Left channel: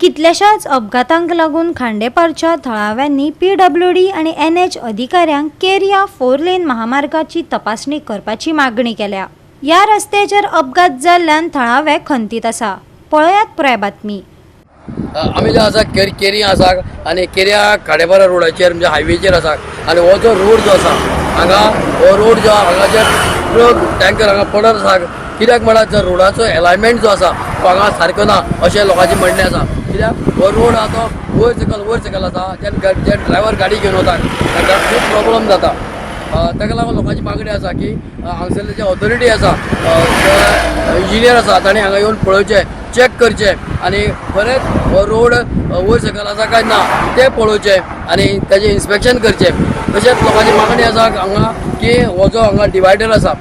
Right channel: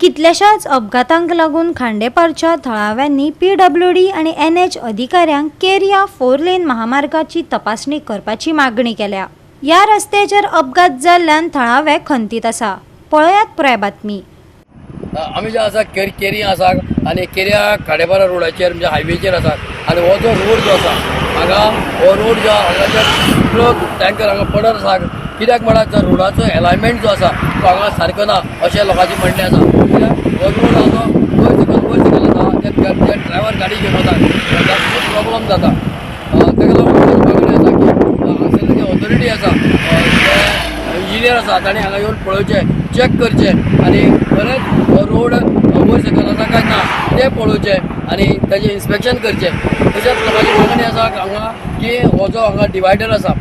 कितल्याशाच अपघातांक लागून खांडेपारच्या थळाव्यांनी PWD आणि NH अधिकाऱ्यांक केरिया 4 लेन महामार्गाची तपासणी करपाची मागणी केल्या। या रस्त्याचेर अपघात जाल्ल्यान थळावे खंतीत आसा। पळयात पुराय बातमी। आमी जो आसा केरी आसा आनी केरिया खांडेपार रोडाचेर म्हणजे हायवेचेर आसा आनी हो जो रोड जो आसा हांगा हो रोड जो हांगाचेर ट्रक टँकर हांगा पडत आसा। कित्याक म्हळ्यार जो रोडाचो अलायनमेंट जो आसा तो हांगा सारको ना अशें लोकांचें म्हणणें आसा। कित्याक हो रोड आसा तो वयर सकयल आसा जे ड्रायव्हर गाडी घेवन वता ताका खूब प्रॉब्लम जाता। ताका लागून म्हाजी मागणी आसा की हांगासरले जे ऑथॉरिटी आसा इंजिनियर आसा ताणें हांगा येवन पळोवचें चॅक करचें आनी बरेंच हो रोड वयर सकयल आसा काय ना तें पळोवचें आनी ताजें इन्स्पेक्शन करचें। तशेंच लोकांची मागणी आसा हांगा की हो जो हांगा डिवायडर आसा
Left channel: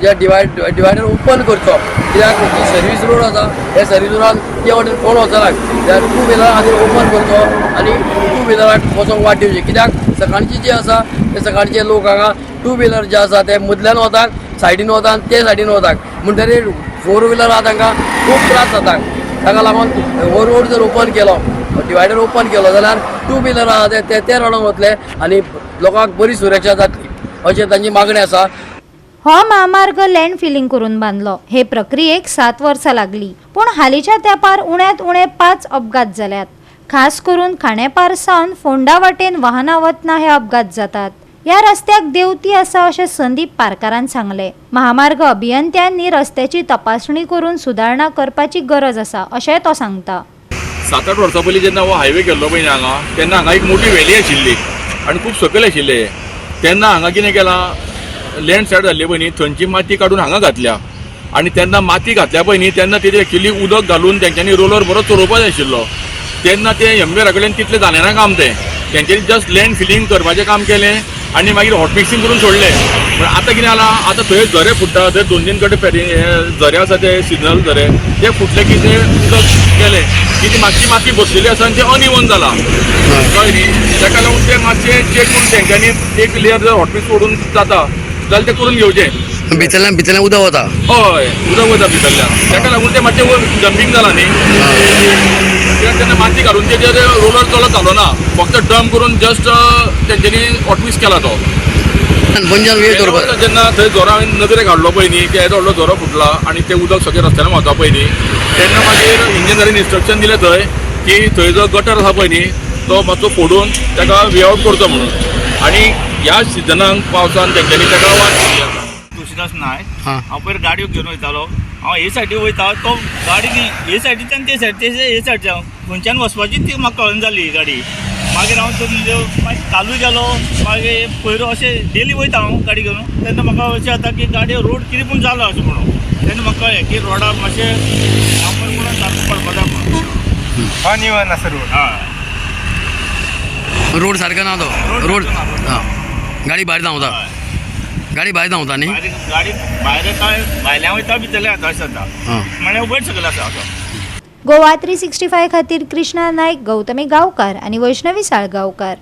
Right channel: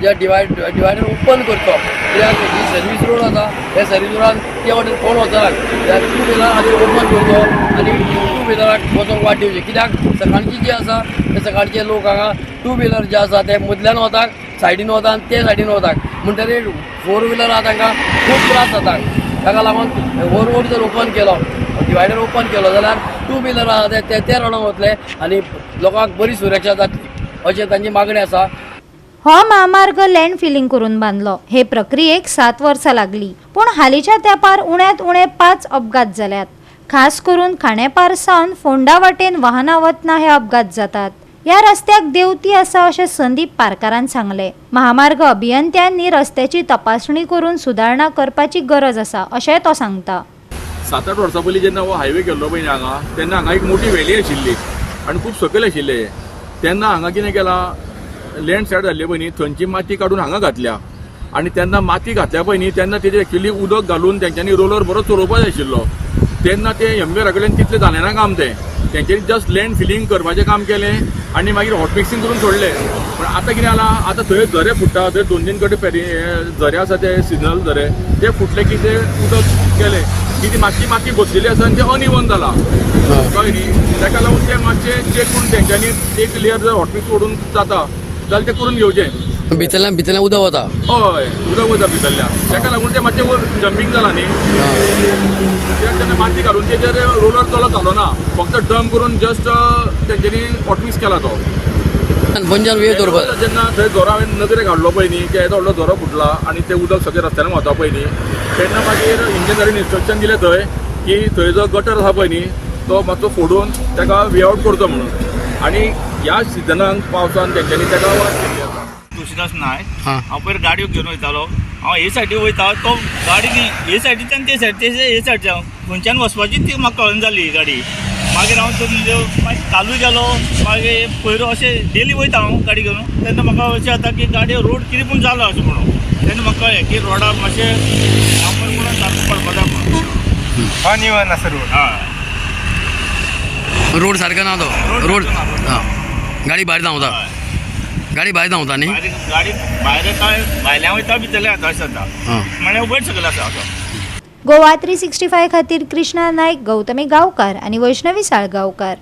जे डिवायडर ओपन करचो। कित्याक जी सर्वीस रोड आसा हे सर्वीस रोडान ते वटेन कोण वचनात त्या 2 व्हिलर हांगा ओपन करचो आनी 2 व्हिलराक वचोंक वाट दिवची। कित्याक सकाळची जी आसा ते सकाळचे लोक हांगा 2 व्हिलर जे आसा ते मदल्यान वतात सायडीन वता आनी ते सायडीन वतात म्हणटकीर 4 व्हिलर आहा तांकां खूब त्रास जाता। ताका लागून हो रोड जर ओपन केलो डिवायडर ओपन केलो जाल्यार 2 व्हिलर आहा ते रोडान वतले आनी लोकांक बरी सुरक्षा जातली अशें तांची मागणी आसा। हो महामार्ग लँड फिलिंग करून बांधलो। हे प्रक्रियेक 7 वर्सां लागली, पण हालींच्या तेंपार उण्यांत उणे 5 अपघात जाल्यात। खास करून खांडेपार सावन फोंडा वाटेन वाहनां वतना हे अपघात जातात। या रस्त्याक देवती आसा अशें संदीप पारकारान सांगले। महामार्ग अभियंत्यांनी रस्त्याची तपासणी करून सुदारणा करपाची गरज आसा अशें तो सांगता। 7-8 वर्सां पयलीं जेन्ना हो हायवे केल्लो पळय हांगा तेन्ना हांगा एक मोठी व्हॅली आशिल्ली आनी खूब सकयल आशिल्ले। तेन्ना हांगा कितें केलां लँड सायड जाल्ली पळय न्ही थंयची माती काडून हांगा घातल्या आनी तेन्ना माती घातल्या पळय न्ही तेन्ना तेजेर एक्चुली उदक घालून तेंच्यांनी रोलर बरो चलोवपाक जाय आशिल्लो। तेन्ना ते एमबीआरा कडल्यान तितलें जालें ना काम तेंच्यांनी जस्ट लँड फिलिंग करपाचें काम केलें आनी मागीर हॉट मिक्सिंग करून सोडलें। पण आतां कितें जालां आतां थंय झरे फुट्टा थंय 2-3 कडेन झरे आसा ते सिजनल झरे ते फुटले की ते उदक गेलें की ती मातशी माती बसलेली आसा आनी तें अनइवन जालां कळ्ळें न्ही। ताका लागून तें मातशें चॅक करून तेंच्यांनी एक लेयर जर हॉट मिक्स सोडून जाता जाल्यार तें करून घेवचें। भितरल्यान उदक वता हय उदक वता भितरल्यान ताका लागून तें मातशें वर जंपिंग जालां न्ही तेन्ना माती घालून तेजेर रोलर चलत जालो ना फक्त डंप करून जस्ट तेंच्यांनी हॉट मिक्स केला तो। जेन्ना थंय जोरा हांवें नजरेक हाडलो पळय न्ही की येदो व्हडलो जोरो फुटला आनी तें उदक सगळें रस्त्यान वता पळय न्ही तेन्ना मागीर इंजिनियरीन इन्स्ट्रक्शन दिलें थंय की थंय जो गटर आसा पळय न्ही तो मातसो फोडून ताका वे आउट करचो म्हणून। आनी ह्या सिजनाक पावसान तेंच्यांनी ताका वाट केल्ली आसा। तुळशीदास नायक हांव पयर गाडयो घेवन वयतालो हांव हे सायडीन वयता तो गाडी हे सायडीच्यान ते सायडीच्यान खंयच्यान वचपाची ती म्हाका कळना जाली गाडी। मागीर हांव मागीर कालूय गेलो मागीर पयरो अशें डेली वयता हांव गाडी घेवन तेन्ना म्हाका अशें जाता की गाडी रोड कितें पूण जालो अशें म्हणून तेन्ना म्हाका कळ्ळें की रोडार मातशें डांबर म्हणून सारको पडपा जाय म्हणून अनइवन आसा रोड। हय रोड सारको ना तो रोड गाडी भायर धांवता गाडी भायर धांवता न्ही गाडी भायर येता भायल्यान वयता भितरल्या येता अशें जाता म्हळ्यार वयर सकयल आसा असो। गोवा 365 खातीर कृष्णा नायक, गौतमी गांवकार आणि वैष्णवी साळगांवकार।